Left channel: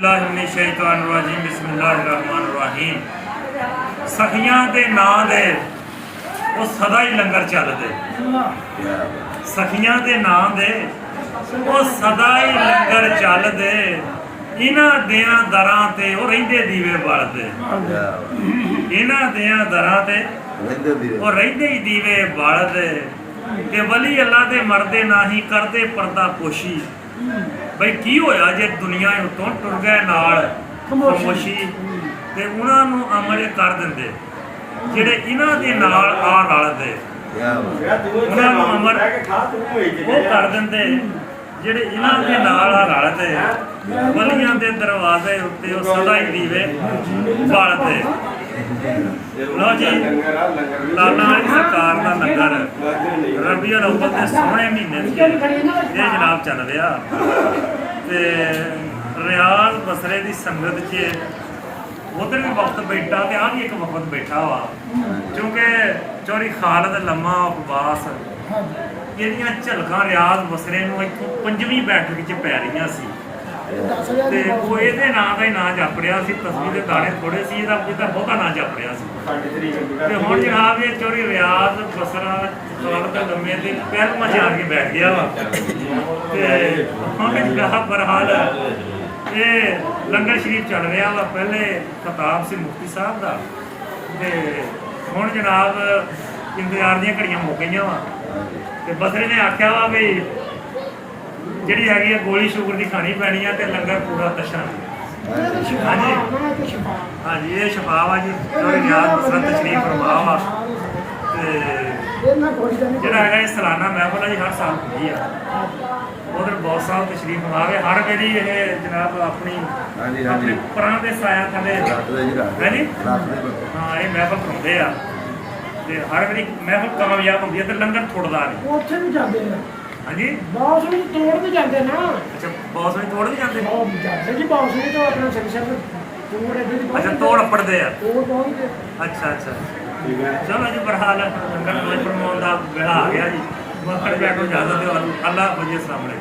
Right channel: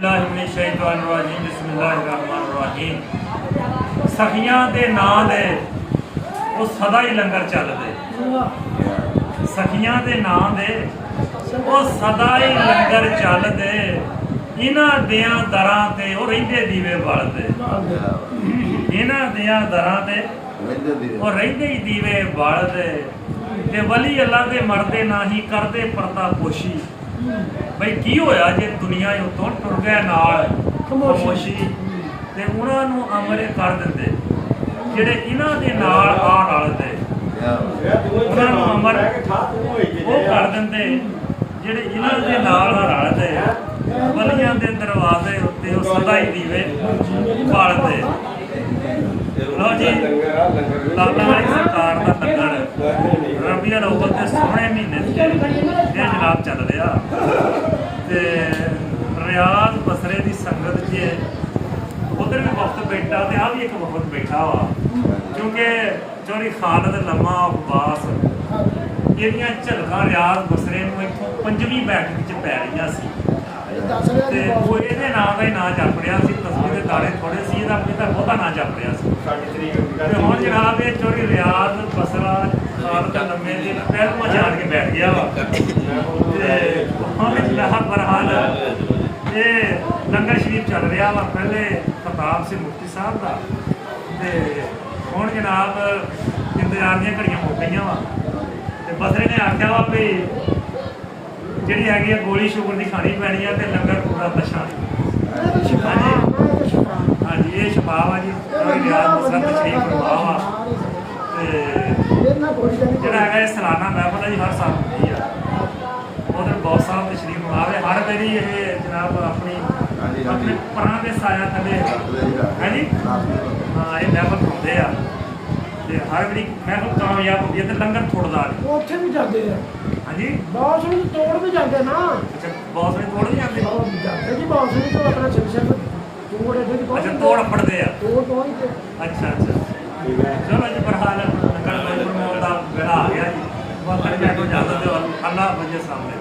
सखियां दे नां दे वो सदा ही लंगर चलदे। सखियां दे नां दे वो सदा ही लंगर चलदे। इन्हां दियां दरां ते वो रहिंदे दीवे बलदे। इन्हां दियां दरां ते वो रहिंदे ही दीवे बलदे। ते वली अल्लाह दे मरदे नाही करदे पर्दा पोशी। बई की होया जे दुनिया उतों टुर गए नाल खामोशी ते उन्हां नूं अमल कर दिंदे जेड़े इन्हां दे नाल आ रलदे। उन्हां नूं अमल वो कर दिंदे जेड़े इन्हां दे नाल आ रलदे। वलियां दे दरवाजे उत्ते ओ सदा ही दीवे बालदे। लो जी लाला सरकार दा लंगर रबीउल अव्वल दे सोहणे महीने जनाब चल रहा ते रियाज बसरे की संगत च उधर भी वक्त बैठा तो आ भी एक वक्त बैठा वा क्योंकि चौरी खालद लम्मा अब्बास ये झलकां रियाज बसरे इतों 5वीं बैठक च पै रही सी ते वो ये नां का ही नां जप रहा सी। तस्वीर के दाने थोड़े से पिता बहुता नां जप रहा सी ते हुण जनाब ये चौरी रियाज बसरा खालद लम्मे के पैरवां जान के बैठ गया वा ते हुण जनाब बहरहाल ये लंगर शरीफ चल रहा वा। पहले खिताब से मुफ्ती साहब का ते हुण जनाब इंतजार दी घड़ियां मुक गई वा ते बसरे ने आख्या वा भी जी है गोली शुगर की खानी पैनी है तो लंगर पूरा दशा। हाँ जी हाँ जी ये छपा वा जी रियाज बसरा तशरीफ फरमा वा जोड़ा है सालाना महफल है जी हर साल होती है। उधर बहुत साहब तशरीफ फरमावे हर बारी ये जनाब अपनी अपने परां के साया थले है जी हाँ ये महफल कराते हैं हर बारी महफल कामयाब होती है तो लंगर थोड़दा हाँ जी बॉस भी तोड़ भी जाते ना। अच्छा बॉस भी तोड़ भी जाते जी बॉस भी तो अपना सिर तोड़ अच्छा तोड़ अपड़ते हैं तोड़ पहुंच अच्छा अच्छा चलो जी बहरहाल फरमान का बेड़ा आ गया जी वक्त बैठो ज्यादा अल्लाह वजह सामने